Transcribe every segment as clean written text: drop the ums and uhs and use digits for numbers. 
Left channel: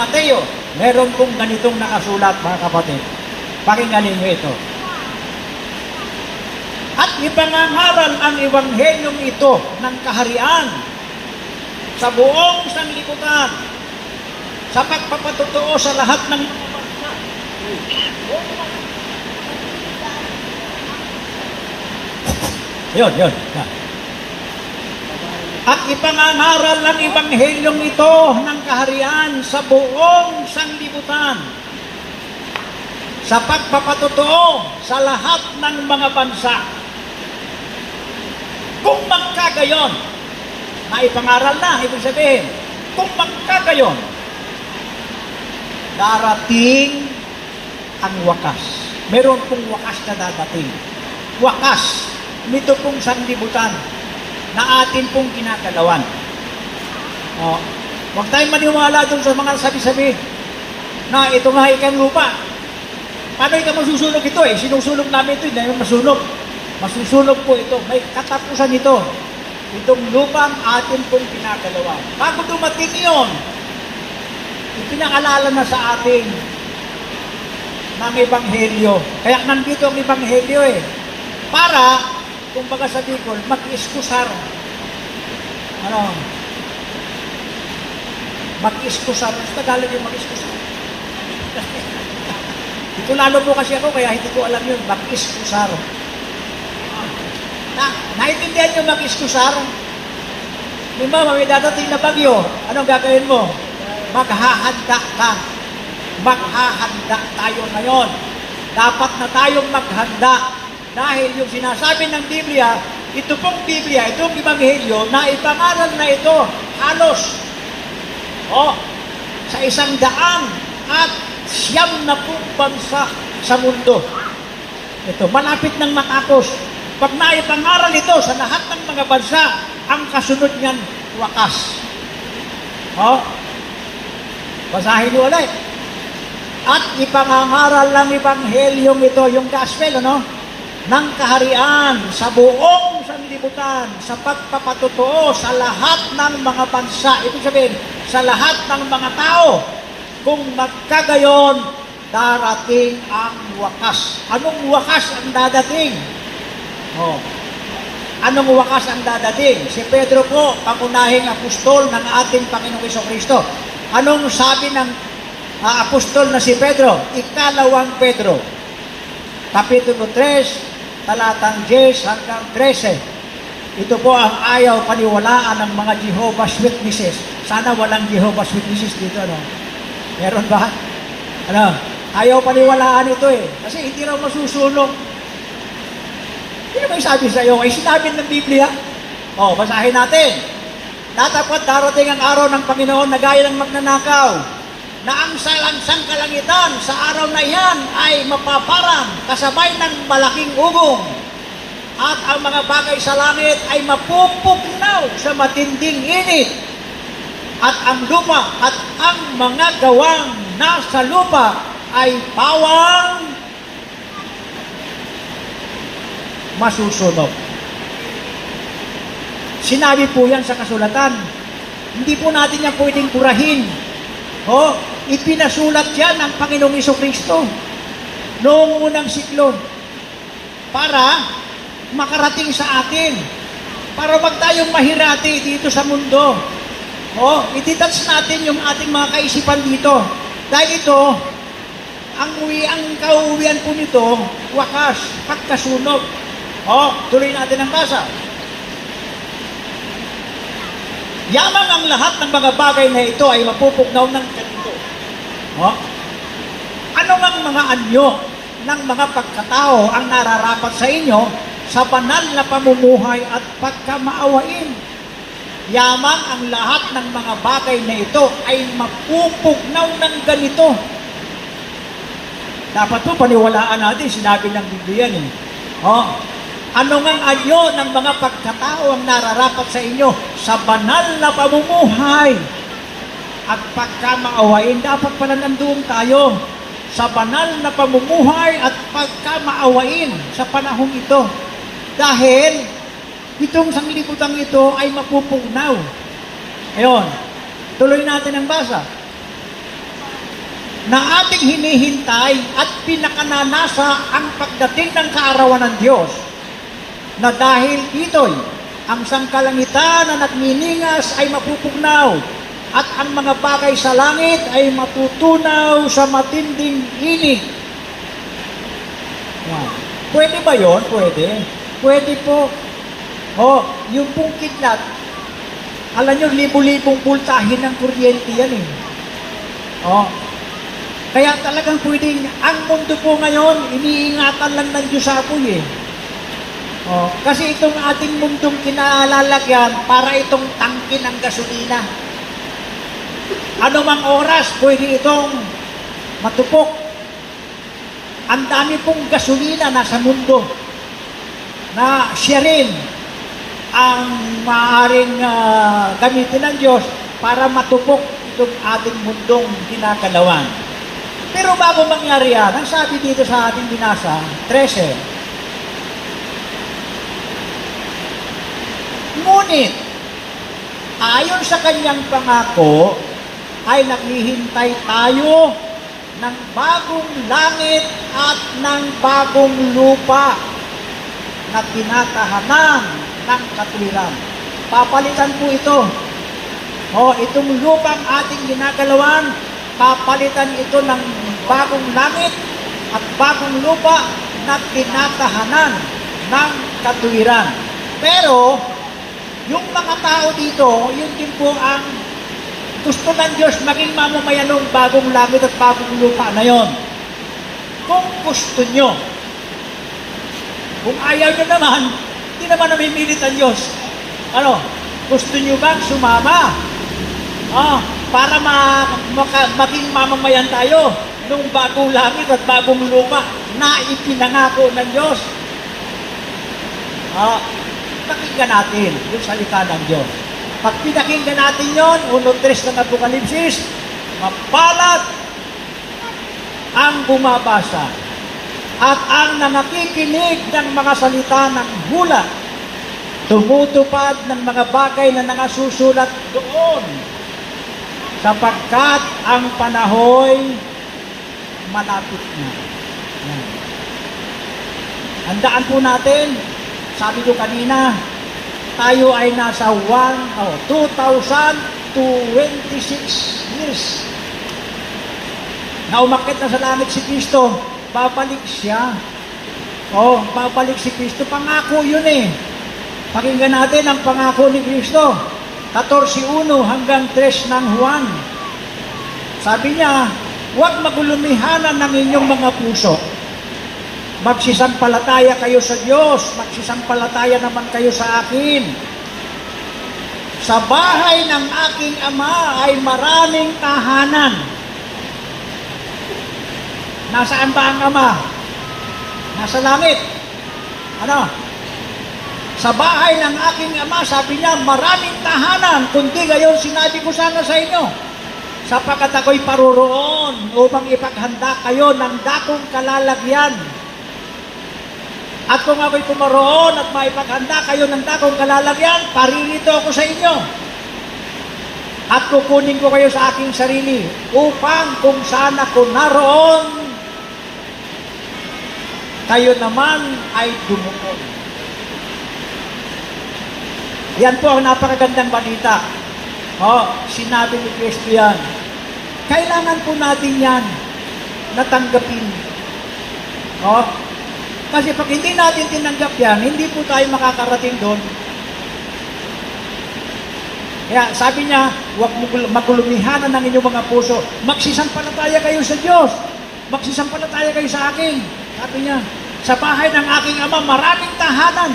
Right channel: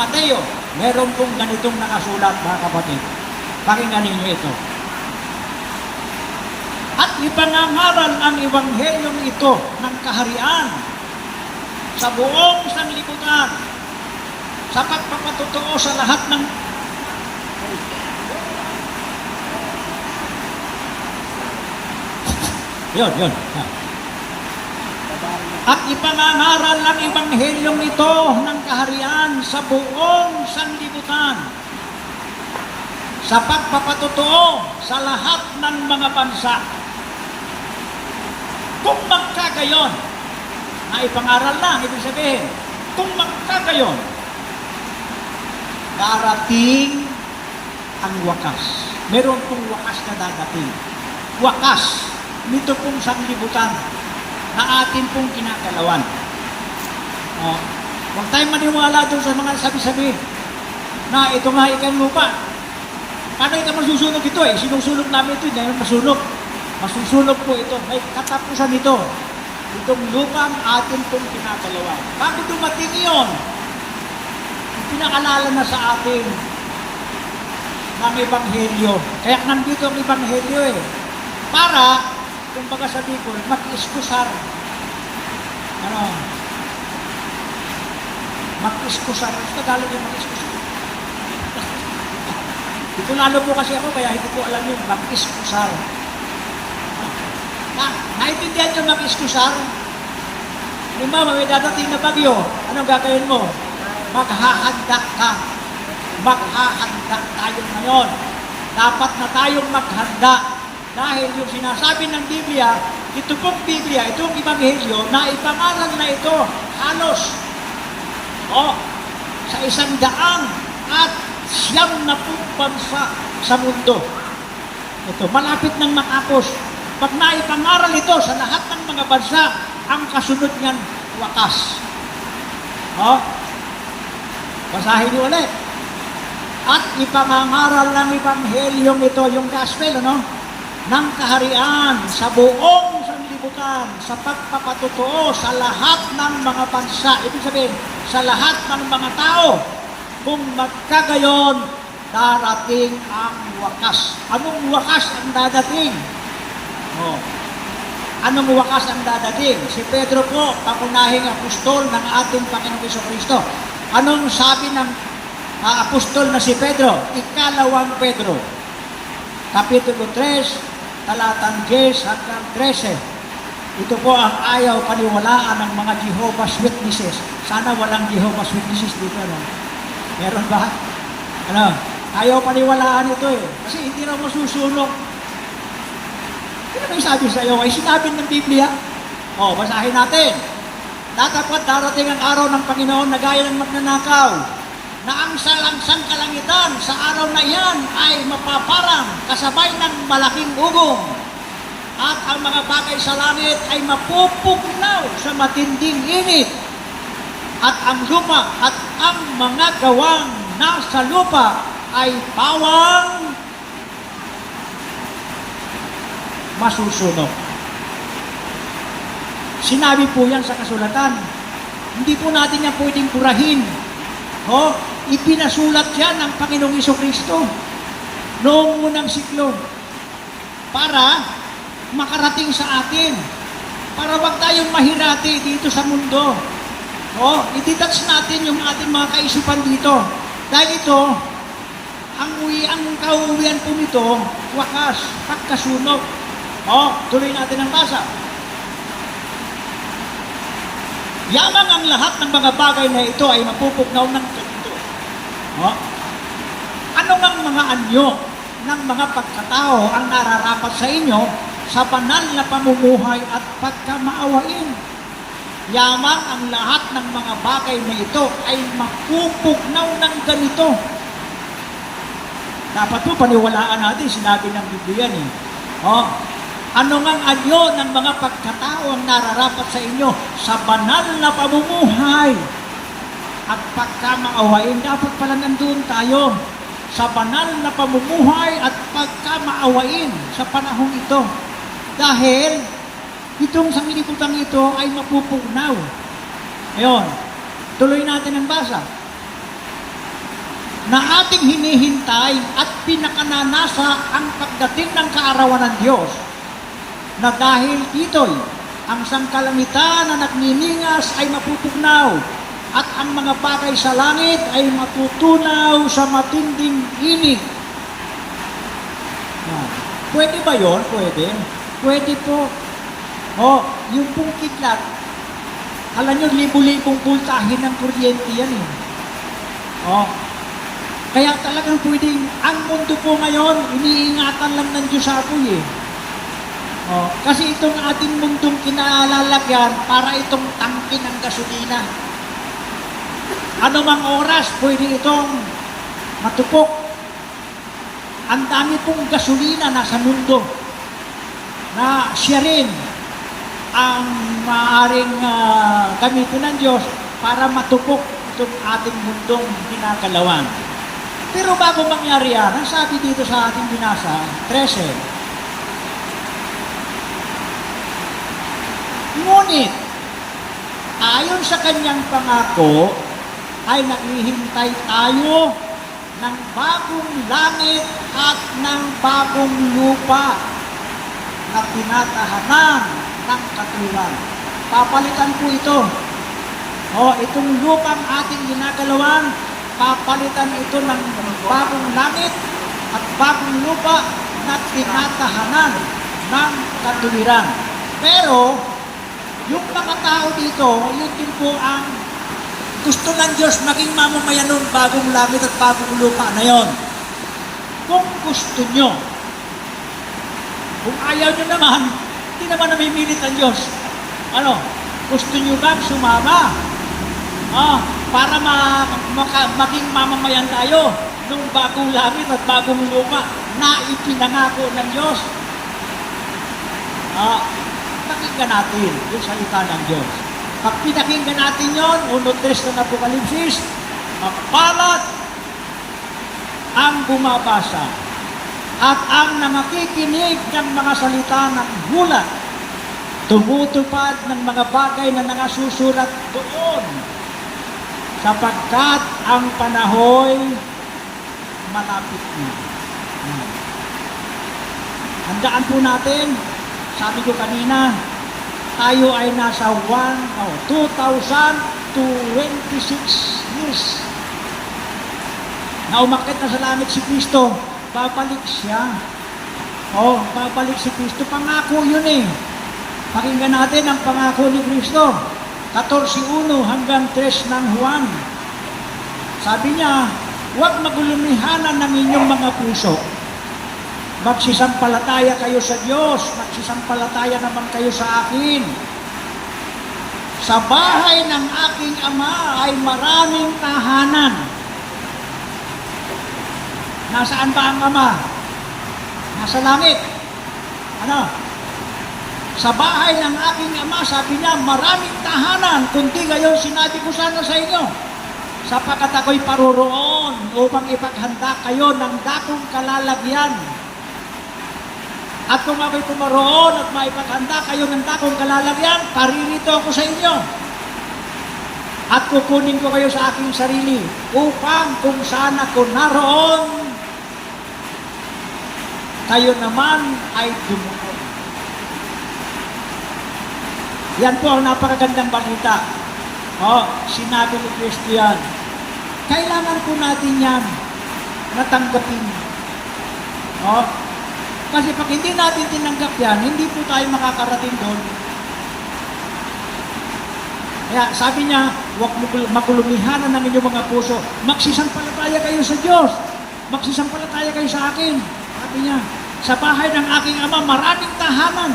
Mateo, meron pong ganitong nakasulat, mga kapatid. Pakinggan ninyo ito. At ipangangaral ang ebanghelyong ito ng kaharian sa buong sanglibutan, sa pagpapatotoo sa lahat ng Yun. At ipangangaral ang ebanghelyong ito ng kaharian sa buong sanglibutan, sa pagpapatotoo sa lahat ng mga bansa. Kung magkagayon, na ipangaral na, ibig sabihin, kung magkagayon, darating ang wakas. Meron pong wakas na dadating. Wakas nito pong sanglibutan na atin pong kinakalawan. Huwag tayong maniwala doon sa mga sabi-sabi na ito nga ikan lupa. Paano ito masusunog ito eh? Sinusunog namin ito, hindi namin masunog. Masusunog po ito. May katapusan ito. Itong lupang atin pong kinakalawan. Bago dumating iyon, ipinaalala na sa atin ng ebanghelyo. Kaya nandito ang ebanghelyo eh. Para, kumbaga sa Bicol, mag-iskusar. Mag-iskusar. Sa Tagalog yung mag-iskusar. Ito lalo po kasi ako, kaya hindi ko alam yun. Mag-iskusar. Naintindihan yung mag-iskusar? Halimbawa, may dadating na bagyo. Anong gagawin mo? Maghahanda ka. Maghahanda tayo ngayon. Dapat na tayong maghanda. Dahil yung sinasabi ng Biblia, ito pong Biblia, itong Ebanghelyo, na ipangaral na ito, halos, sa 100 at 9 bansa sa mundo. Ito, malapit ng makakos. Pag naipangaral ito sa lahat ng mga bansa, ang kasunod niyan, wakas. Basahin niyo ulit. At ipangangaral ng ebanghelyong ito, yung gospel, ng kaharian sa buong sanlibutan, sa pagpapatotoo sa lahat ng mga bansa. Ibig sabihin, sa lahat ng mga tao. Kung magkagayon, darating ang wakas. Anong wakas ang dadating? Anong wakas ang dadating? Si Pedro po, pangunahing apostol ng ating Panginoong Jesucristo. Anong sabi ng apostol na si Pedro? Ikalawang Pedro. Kapitulo 3, talatang 10 hanggang 13. Ito po ang ayaw paniwalaan ng mga Jehovah's Witnesses. Sana walang Jehovah's Witnesses dito, Meron ba? Ayaw paniwalaan ito eh. Kasi hindi raw masusunog. Hindi may sabi sa iyo, ay sinabi ng Biblia. Basahin natin. Tatapat darating ang araw ng Panginoon na gaya ng magnanakaw, na ang salangsang kalangitan sa araw na iyan ay mapaparang kasabay ng malaking ugong, at ang mga bagay sa langit ay mapupugnaw sa matinding init, at ang lupa at ang mga gawang nasa lupa ay pawang masusunog. Sinabi po yan sa kasulatan. Hindi po natin yan pwedeng purahin. Ipinasulat yan ng Panginoong Jesucristo noong unang siklo para makarating sa atin, para wag tayong mahirati dito sa mundo. Ititouch natin yung ating mga kaisipan dito. Dahil ito, ang kauwian po nito, wakas, pagkasunog. Tuloy natin ang basa. Yamang ang lahat ng mga bagay na ito ay mapupugnaw ng ganito. Ano mang mga anyo ng mga pagkatao ang nararapat sa inyo sa banal na pamumuhay at pagkamaawain? Yamang ang lahat ng mga bagay na ito ay mapupugnaw ng ganito. Dapat po paniwalaan natin, sinabi ng Biblia yan. Ano ngang anyo ng mga pagkatao ang nararapat sa inyo sa banal na pamumuhay at pagkamaawain? Dapat pala nandun tayo sa banal na pamumuhay at pagkamaawain sa panahong ito. Dahil itong sanglibutang ito ay mapupugnaw. Ayun, tuloy natin ang basa. na ating hinihintay at pinakananasa ang pagdating ng kaarawan ng Diyos, na dahil dito'y ang sangkalangitan na nagniningas ay mapupugnaw at ang mga bagay sa langit ay matutunaw sa matinding init. Yan. Pwede ba yon? Pwede. Pwede po. Yung pong kidlat, alam nyo, libo-libong pultahin ng kuryente yan eh. Kaya talagang pwedeng, ang mundo po ngayon, iniingatan lang ng Diyos apoy eh. Kasi itong ating mundong kinalalagyan, para itong tangke ng gasolina. Ano mang oras, pwede itong matupok. Ang dami pong gasolina nasa mundo na siya rin ang maaaring gamitin ng Diyos para matupok itong ating mundong kinakalawan. Pero bago mangyari yan, ang sabi dito sa ating binasa, 13, ngunit, ayon sa kanyang pangako, ay naghihintay tayo ng bagong langit at ng bagong lupa na tinatahanan ng katwiran. Papalitan po ito. Itong lupang ating ginagalawan, papalitan ito ng bagong langit at bagong lupa na tinatahanan ng katwiran. Pero, yung mga tao dito, yun din po ang gusto ng Diyos maging mamamayan ng bagong langit at bagong lupa na yon. Kung gusto nyo. Kung ayaw nyo naman, hindi naman namimilit ang Diyos. Gusto nyo bang sumama? Para maging mamamayan tayo ng bagong langit at bagong lupa na ipinangako ng Diyos. Pakinggan natin yung salita ng Diyos. Pag pinakinggan natin yun, 1:3 ng Apokalipsis, mapalat ang bumabasa at ang nangakikinig ng mga salita ng hula, tumutupad ng mga bagay na nangasusulat doon, sapagkat ang panahoy malapit na. Handaan po natin, sabi ko kanina, tayo ay nasa 2026 years na umakyat na sa langit si Kristo. Babalik siya. Babalik si Kristo. Pangako yun eh. Pakinggan natin ang pangako ni Kristo. 14:1 hanggang 3 ng Juan. Sabi niya, huwag magulumihanan ng inyong mga puso. Magsisampalataya kayo sa Diyos, magsisampalataya naman kayo sa akin. Sa bahay ng aking Ama ay maraming tahanan. Nasaan ba ang Ama? Nasa langit. Sa bahay ng aking Ama, sabi niya, maraming tahanan, kundi gayon sinabi ko sana sa inyo, sapagkat ako'y paroroon upang ipaghanda kayo ng dakong kalalagyan. At kung ako'y pumaroon at maipaghanda kayo ng dakong kalalagyan, paririto ako sa inyo. At kukunin ko kayo sa aking sarili, upang kung saan ako naroon, kayo naman ay dumukot. Yan po ang napakagandang balita. Sinabi ni Kristo yan. Kailangan po natin yan natanggapin. Kasi pag hindi natin tinanggap yan, hindi po tayo makakarating doon. Kaya sabi niya, huwag magulumihanan ng inyong mga puso. Magsisampalataya kayo sa Diyos. Magsisampalataya kayo sa akin. Sabi niya, sa bahay ng aking Ama, maraming tahanan.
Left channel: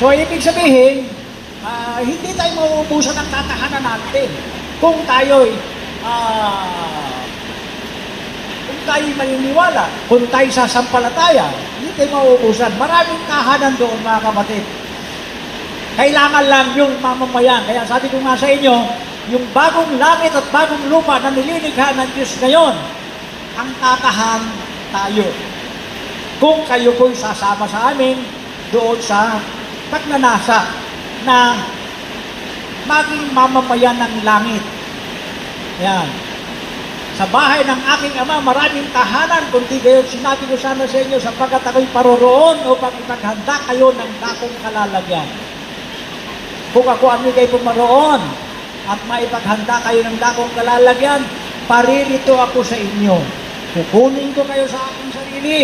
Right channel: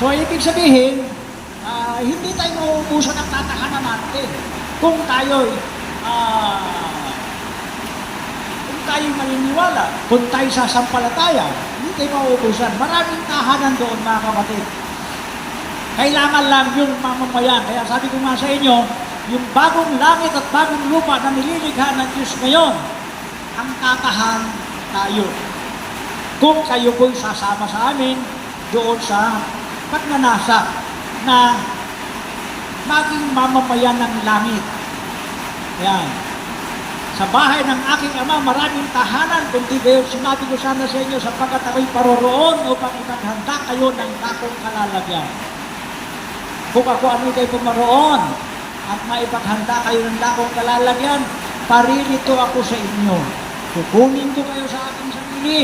So, ibig sabihin, hindi tayo mauubusan ng tatahanan natin. Kung tayo'y maniniwala, kung tayo sasampalataya, hindi tayo mauubusan. Maraming tahanan doon, mga kapatid. Kailangan lang yung mamamayan. Kaya sabi ko nga sa inyo, yung bagong langit at bagong lupa na nililikha ng Diyos ngayon, ang tatahan tayo. Kung kayo po'y sasama sa amin doon sa pagnanasa na maging mamamayan ng langit. Yan. Sa bahay ng aking ama, maraming tahanan, kundi gayon sinabi ko sana sa inyo, sapagkat ako'y paroroon upang itaghanda kayo ng dakong kalalagyan. Kung ako ang kayo pumaroon at maipaghanda kayo ng dakong kalalagyan, paririto ako sa inyo. Kukunin ko kayo sa aking sarili,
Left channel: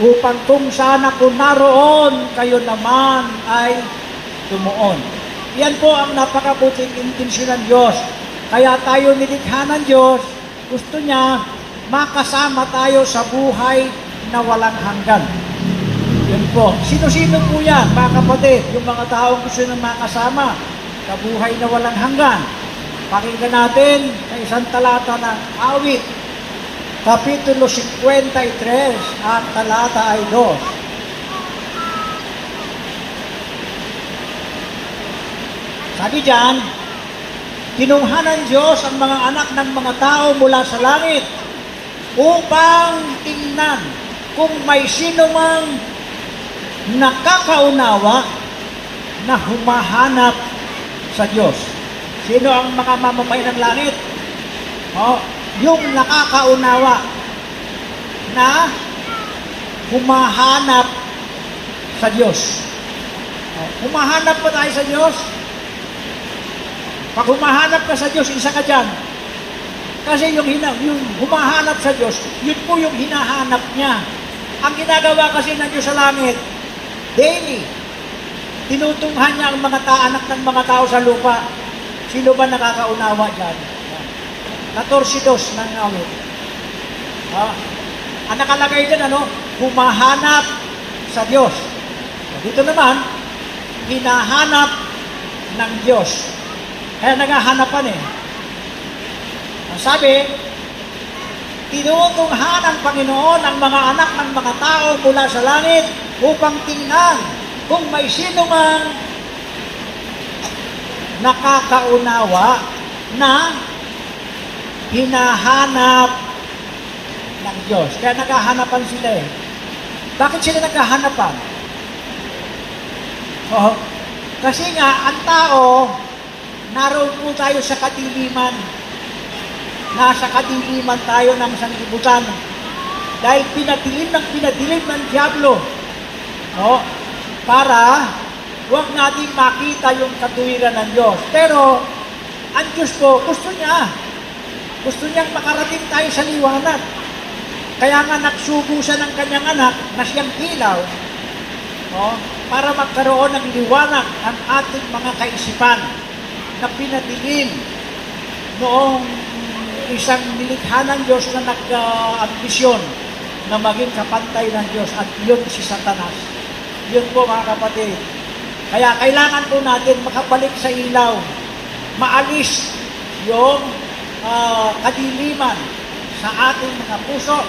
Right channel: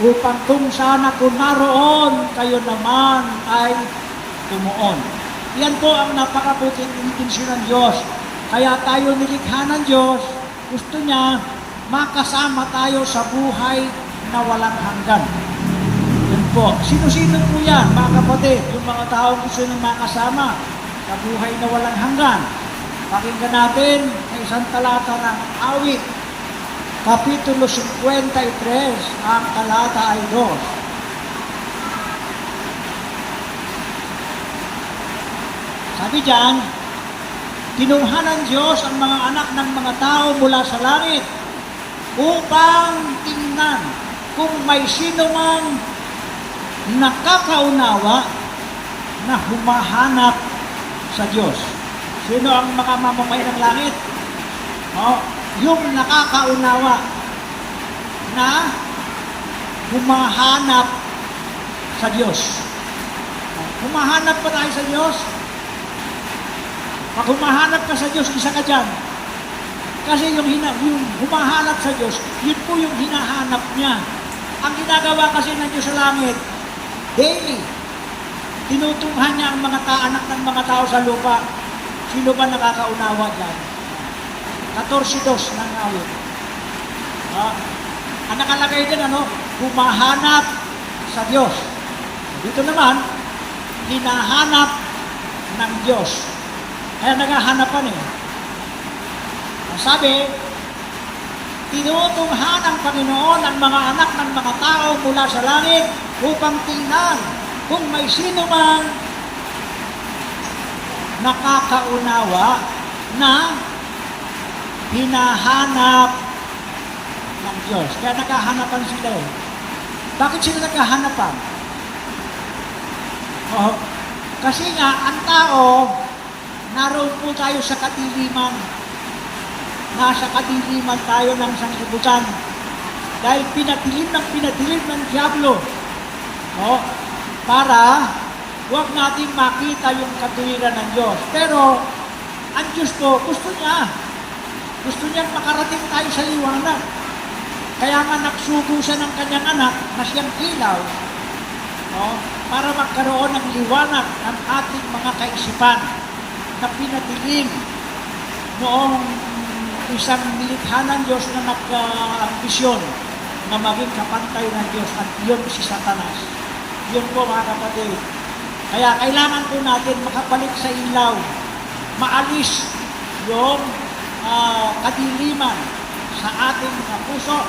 upang kung sana kung naroon, kayo naman ay tumuon. Yan po ang napakabuting intensyon ng Diyos. Kaya tayo nilikha ng Diyos, gusto niya makasama tayo sa buhay na walang hanggan. Yan po. Sino-sino po yan, mga kapatid? Yung mga taong gusto nang makasama sa buhay na walang hanggan. Pakinggan natin sa isang talata ng Awit, Kapitulo 53, ang talata ay 2. Sabi diyan, kinuha ng Diyos ang mga anak ng mga tao mula sa langit upang tingnan kung may sino mang nakakaunawa na humahanap sa Diyos. Sino ang mga mamamayan ng langit? Yung nakakaunawa na humahanap sa Diyos. Humahanap pa tayo sa Diyos? Pag humahanap ka sa Diyos, isa ka dyan. Kasi yung humahanap sa Diyos, yun po yung hinahanap niya. Ang ginagawa kasi ng Diyos sa langit, daily, tinutunghan niya ang mga anak ng mga tao sa lupa. Sino ba nakakaunawa dyan? 14:2 ng awit. Ang nakalagay dyan, humahanap sa Diyos. Dito naman, hinahanap ng Diyos. Kaya naghahanapan Ang sabi, tinutunghan ng Panginoon ang mga anak ng mga tao mula sa langit upang tingnan kung may sino mang nakakaunawa na hinahanap ng Diyos. Kaya naghahanapan sila Bakit sila naghahanapan? Kasi nga, ang tao, naroon po tayo sa kadiliman. Nasa kadiliman tayo ng sanlibutan. Dahil pinadilim ng Diablo. Para huwag natin makita yung katuwiran ng Diyos. Pero, ang Diyos po, gusto niyang makarating tayo sa liwanag. Kaya nga nagsugo siya ng kanyang anak na siyang ilaw. Para magkaroon ng liwanag ang ating mga kaisipan na pinadilim noong isang nilikha ng Diyos na nag-ambisyon na maging kapantay ng Diyos, at yun si Satanas. Yun po, mga kapatid. Kaya kailangan po natin makabalik sa ilaw, maalis yung kadiliman sa ating mga puso,